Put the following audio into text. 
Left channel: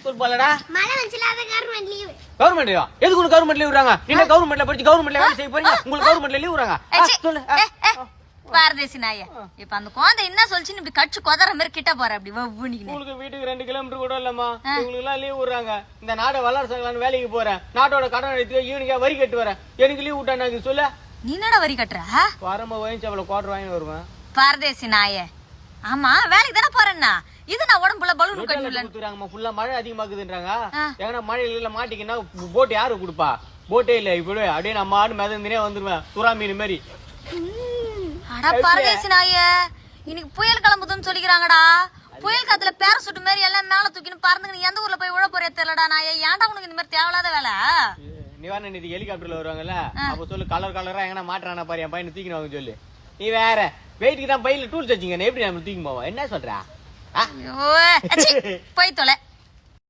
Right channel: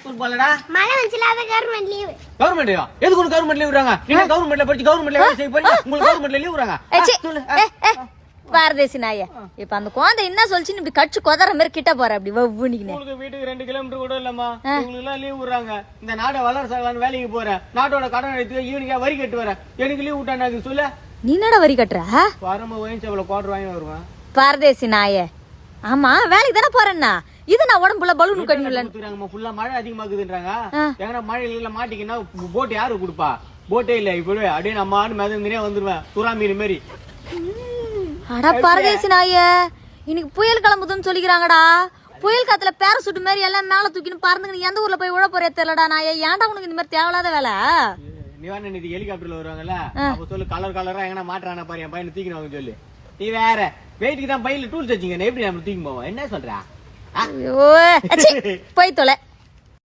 School போலடா. மழை வந்துச்சுல அத கவர்மெண்ட் லீவ். கவர்மெண்ட்யா? எதுக்கு உனக்கு கவர்மெண்ட் லீவ் விடுறாங்க? நீங்க கவர்மெண்ட்ல படிச்சு கவர்மெண்ட்ல வேலை செய்ய போறீங்க. உங்களுக்கு கவர்மெண்ட்ல லீவ் விடுறாங்க. சொல்லு. பாரதேசி நாயே. இப்ப அந்த குழந்தை என்ன சொல்லிச்சு இப்படி கடிச்சு கொதற மாதிரி கிட்ட போற அப்படி வவ்வுனிக்கினே. உங்களுக்கு வீட்டுக்கு 2 கிலோமீட்டர் கூட இல்லம்மா. உங்களுக்கு எல்லாம் லீவ் விடுறாங்க. இந்த நாடை வளர்ச்சாலான்னு வேலைக்கு போறேன். நாட்டோட கடன் எடுத்து யூனிக்கா வரி கட்டு வரேன். எனக்கு லீவ் விட்டாங்க சொல்ல. நீ என்னடா வரி கட்டுற? வரமா ஓயன்சேவல குவார்டர் வாங்கி வருவேன். பாரதேசி நாயே. ஆமா வேலைக்கு தானே போறேன்னா இது நான் உடம்புல பலூன் கட்டணும்ல. ஃபுல்லா மழை அதிகமாகுதுன்றாங்க. ஏன்னா மழையில மாட்டிக்கினா போட் யாரு கொடுப்பா? போட்டே இல்ல. இப்பவே அப்படியே நம்ம ஆடு மிதந்துனே வந்துருவேன். சுறா மீன் மாதிரி. அட பாரதேசி நாயே. இன்னைக்கு புயல் கிளம்புதுன்னு சொல்லிக்கிறாங்கடா. புயல் காத்துல பேரசூட் மாதிரி எல்லாம் மேல தூக்கின்னு பறந்துங்க. நீ எந்த ஊர்ல போய் உழ போறியா தெரியலடா நாயே. ஏன்டா உனக்கு இந்த மாதிரி தேவையில்லாத வேலை? நிவாரண நிதி ஹெலிகாப்டர்ல வருவாங்கல்ல, அப்ப சொல்லு கலர் கலரா எங்கன்னா மாற்றான பாரு என் பையனை தூக்கினு சொல்லு. நீ வேற வெயிட்டுக்கு தான் பையில டூல்ஸ் வச்சுங்க. எப்படி நம்ம தூக்கி போவோம்? என்ன சொல்ற? போய் தொலை.